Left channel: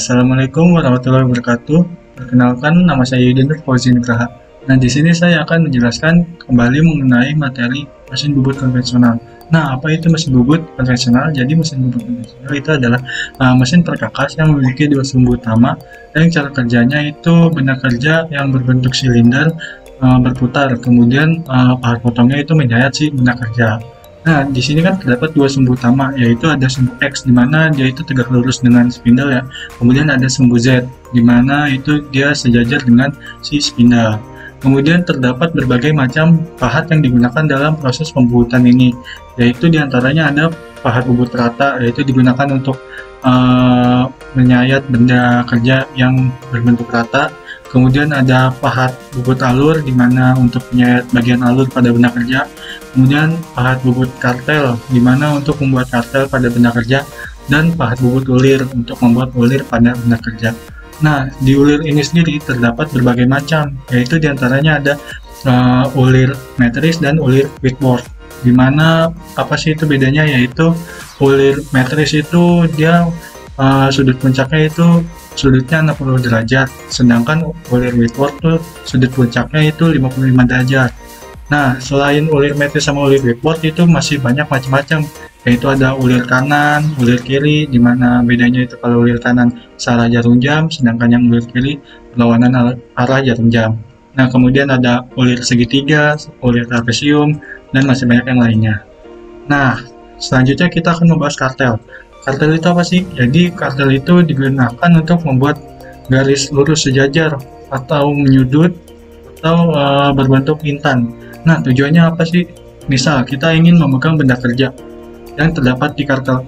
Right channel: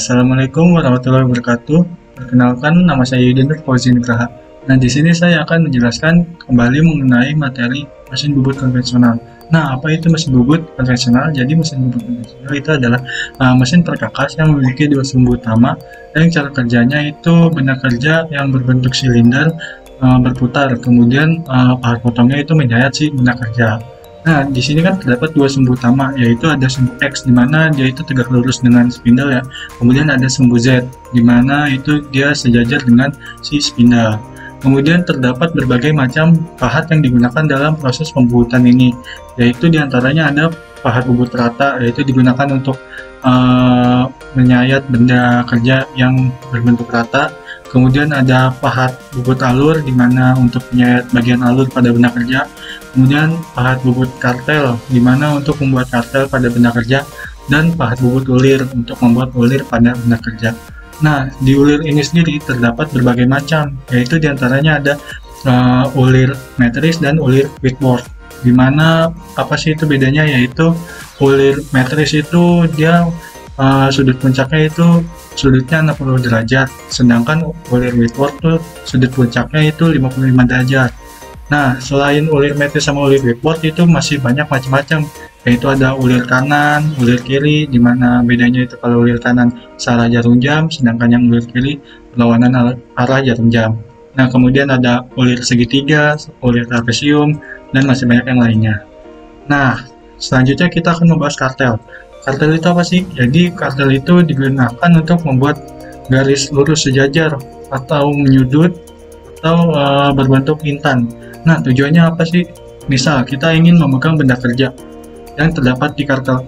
Assalamualaikum warahmatullahi wabarakatuh. Perkenalkan, nama saya Yudin Fauzi Nugraha. Nah, di sini saya akan menjelaskan kembali mengenai materi mesin bubut konvensional. Nah, apa itu mesin bubut konvensional? Jadi, mesin bubut konvensional itu adalah mesin perkakas yang memiliki dua sumbu utama, dan cara kerjanya itu benda kerja yang berbentuk silinder berputar. Kemudian pahat potongnya itu menyayat si benda kerja. Nah, di sini kan terdapat dua sumbu utama, yaitu ada sumbu X di mana dia itu tegak lurus dengan spindle ya. Kemudian ada sumbu Z di mana itu dia sejajar dengan si spindle. Kemudian terdapat berbagai macam pahat yang digunakan dalam proses pembubutan ini, yaitu diantaranya ada pahat bubut rata, yaitu digunakan untuk menyayat benda kerja yang berbentuk rata. Kemudian ada pahat bubut alur di mana untuk menyayat bagian alur pada benda kerja. Kemudian pahat bubut kartel di mana untuk membuat kartel pada benda kerja, dan pahat bubut ulir untuk membuat ulir pada benda kerja. Nah, di ulir ini sendiri terdapat berbagai macam, yaitu diantaranya ada ulir metris dan ulir Whitworth. Di mana apa sih itu bedanya? Yaitu ulir metris itu dia sudut puncaknya itu sudutnya 60 derajat, sedangkan ulir Whitworth tuh sudut puncaknya itu 55 derajat. Nah, selain ulir metris sama ulir Whitworth itu masih banyak macam-macam, yaitu ada ulir kanan, ulir kiri, di mana bedanya itu kalau ulir kanan searah jarum jam, sedangkan yang ulir kiri berlawanan arah jarum jam. Nah, kemudian ada ulir segitiga, ulir trapesium, dan masih banyak yang lainnya. Nah, selanjutnya kita akan membahas kartel. Kartel itu apa sih? Jadi kartel itu digunakan untuk membuat garis lurus sejajar atau menyudut atau berbentuk intan. Nah, tujuannya apa sih? Misal kita ingin memegang benda kerja yang terdapat di kartel,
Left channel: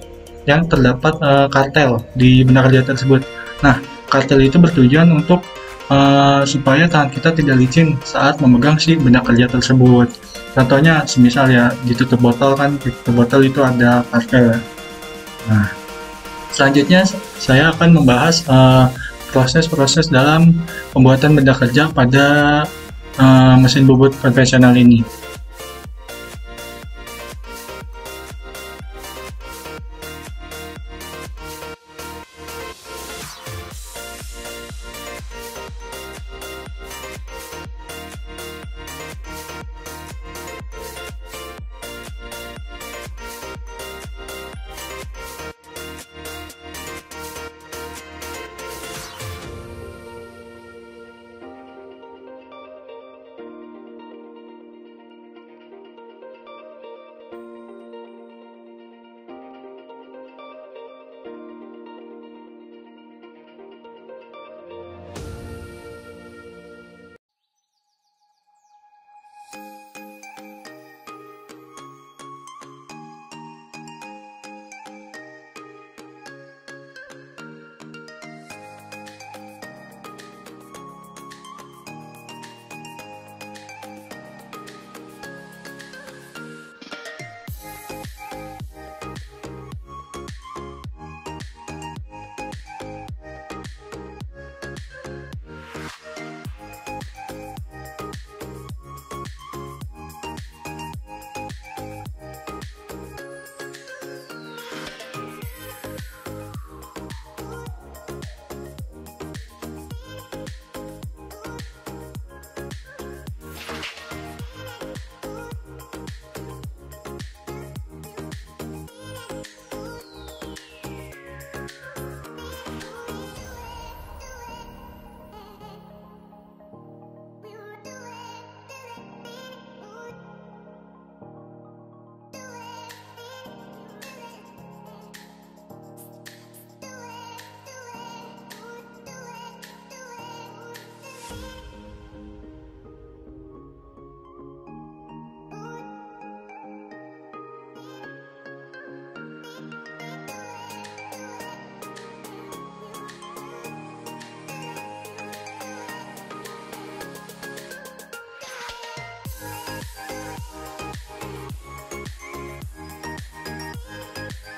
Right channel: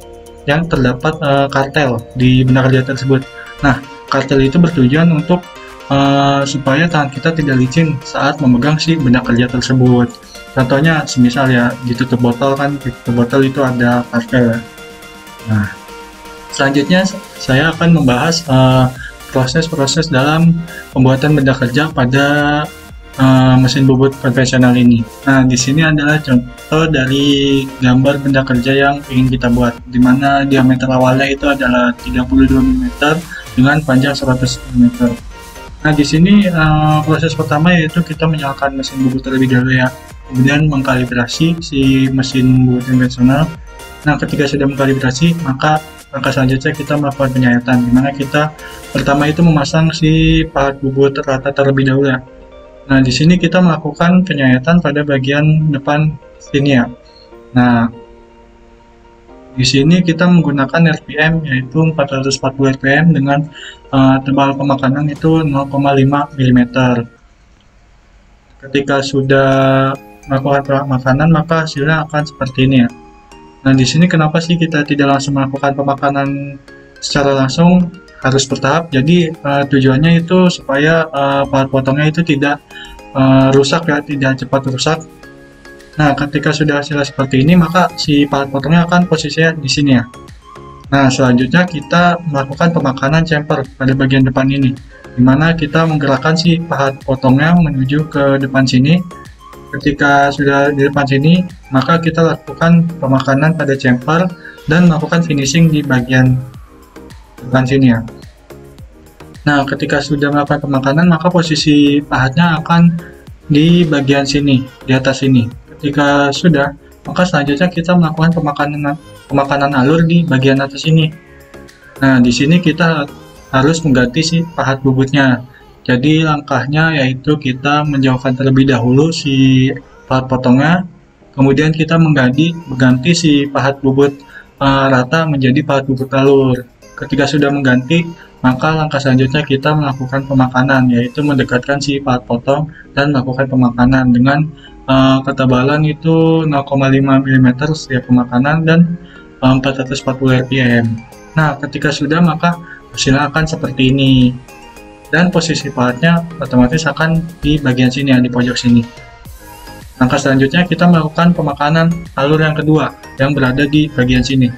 kartel di benda kerja tersebut. Nah, kartel itu bertujuan untuk supaya tangan kita tidak licin saat memegang si benda kerja tersebut. Contohnya, semisal ya ditutup botol kan, ditutup botol itu ada kartel. Nah, selanjutnya saya akan membahas proses-proses dalam pembuatan benda kerja pada mesin bubut konvensional ini. Nah, di sini adalah contoh dari gambar benda kerja yang ingin kita buat, di mana diameter awalnya itu adalah 32 mm dengan panjang 100 mm. Nah, di sini proses pertama yaitu kita menyalakan mesin bubut terlebih dahulu ya, kemudian mengkalibrasi si mesin bubut konvensional. Nah, ketika sudah mengkalibrasi, maka langkah selanjutnya kita melakukan penyayatan, di mana kita pertama itu memasang si pahat bubut rata terlebih dahulu ya. Nah, di sini kita melakukan penyayatan pada bagian depan sini ya. Nah, di sini kita menggunakan RPM yaitu 440 RPM dengan tebal pemakanan itu 0,5 mm. Ketika sudah melakukan pemakanan, maka hasilnya akan seperti ini ya. Nah, di sini kenapa sih kita tidak langsung melakukan pemakanan secara langsung, harus bertahap? Jadi tujuannya itu supaya pahat potongnya itu tidak rusak ya, tidak cepat rusak. Nah, ketika sudah hasilnya seperti ini, maka si pahat potongnya akan posisinya di sini ya. Nah, selanjutnya kita melakukan pemakanan chamfer pada bagian depan ini, dimana kita menggerakkan si pahat potongnya menuju ke depan sini. Ketika sudah di depan sini, maka kita lakukan pemakanan pada chamfer dan melakukan finishing di bagian depan sini ya. Nah, ketika sudah melakukan pemakanan, maka posisi pahatnya akan di bagian sini, di atas sini. Ketika sudah, maka selanjutnya kita melakukan pemakanan alur di bagian atas ini. Nah, di sini kita harus mengganti si pahat bubutnya. Jadi langkahnya yaitu kita menjauhkan terlebih dahulu si pahat potongnya, kemudian kita mengganti si pahat bubut rata menjadi pahat bubut alur. Ketika sudah mengganti, maka langkah selanjutnya kita melakukan pemakanan, yaitu mendekatkan si pahat potong dan melakukan pemakanan dengan ketebalan itu 0,5 mm setiap pemakanan dan 440 rpm. Nah, ketika sudah, maka hasilnya akan seperti ini. Dan posisi pahatnya otomatis akan di bagian sini ya, di pojok sini. Langkah selanjutnya kita melakukan pemakanan alur yang kedua yang berada di bagian sini,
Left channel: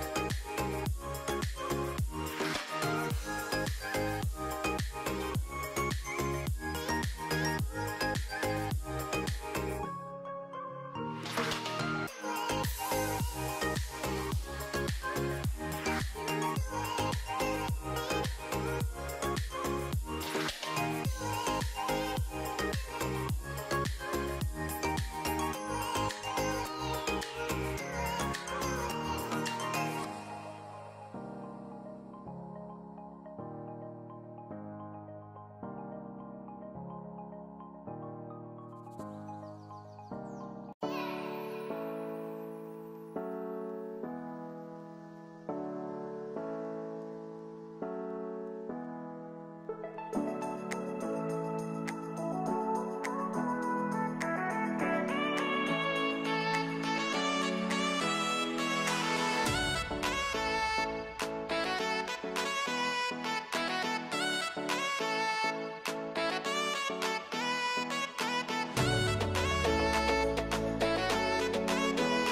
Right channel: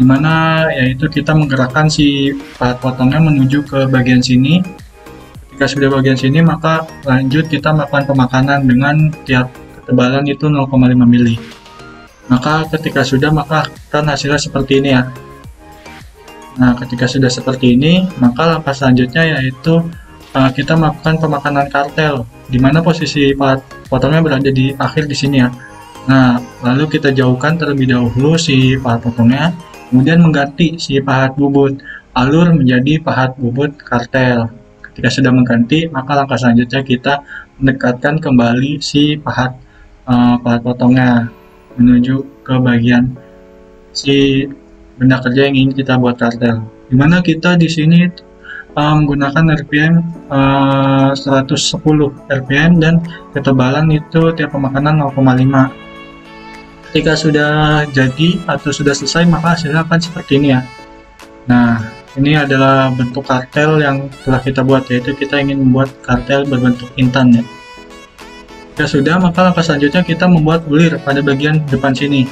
dimana yaitu kita menggerakkan si pahat potongnya menuju ke bagian sini. Ketika sudah bagian sini, maka lanjut kita melakukan pemakanan dengan tiap ketebalan itu 0,5 mm. Maka ketika sudah, maka akan hasilnya seperti ini ya. Nah, ketika sudah seperti ini, maka langkah selanjutnya yaitu kita melakukan pemakanan kartel, di mana posisi pahat potongnya berada di akhir di sini ya. Nah, lalu kita jauhkan terlebih dahulu si pahat potongnya, kemudian mengganti si pahat bubut alur menjadi pahat bubut kartel. Ketika sudah mengganti, maka langkah selanjutnya kita mendekatkan kembali si pahat potongnya menuju ke bagian si benda kerja yang ingin kita buat kartel. Dimana kita di sini menggunakan RPM 110 RPM dan ketebalan itu tiap pemakanan 0,5. Ketika sudah jadi atau sudah selesai, maka hasilnya akan seperti ini ya. Nah, ini adalah bentuk kartel yang telah kita buat, yaitu kita ingin membuat kartel berbentuk intan ya. Jika sudah, maka langkah selanjutnya kita membuat bulir pada bagian depan sini,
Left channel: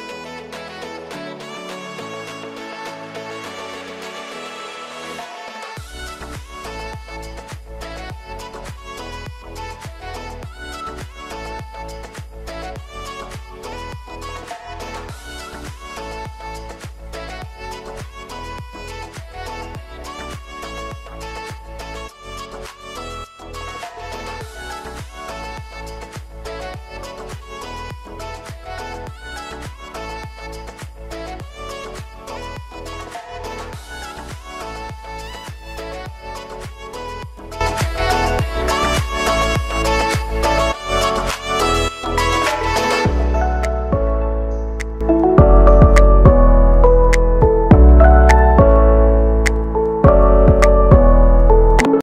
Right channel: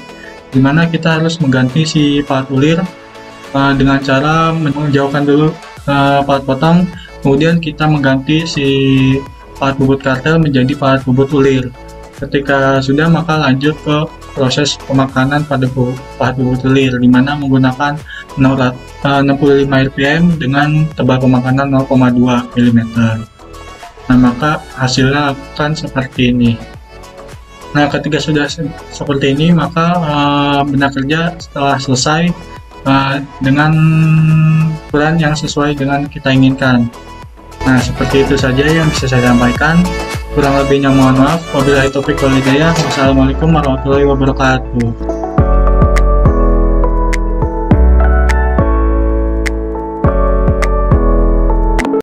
dimana kita harus mengganti si pahat bulir dengan cara menjauhkan dulu pahat potong, kemudian kita mengganti si pahat bubut kartel menjadi pahat bubut bulir. Ketika sudah, maka lanjut ke proses pemakanan pada pahat bubut bulir, dimana menggunakan 65 rpm dengan tebal pemakanan 0,2 mm. Nah, maka hasilnya akan seperti ini. Nah, ketika sudah seperti ini, maka benda kerja setelah selesai dengan ukuran yang sesuai dengan kita inginkan. Nah, seperti itu saja yang bisa saya sampaikan. Kurang lebihnya mohon maaf. Wabillahi taufiq wal hidayah. Wassalamualaikum warahmatullahi wabarakatuh.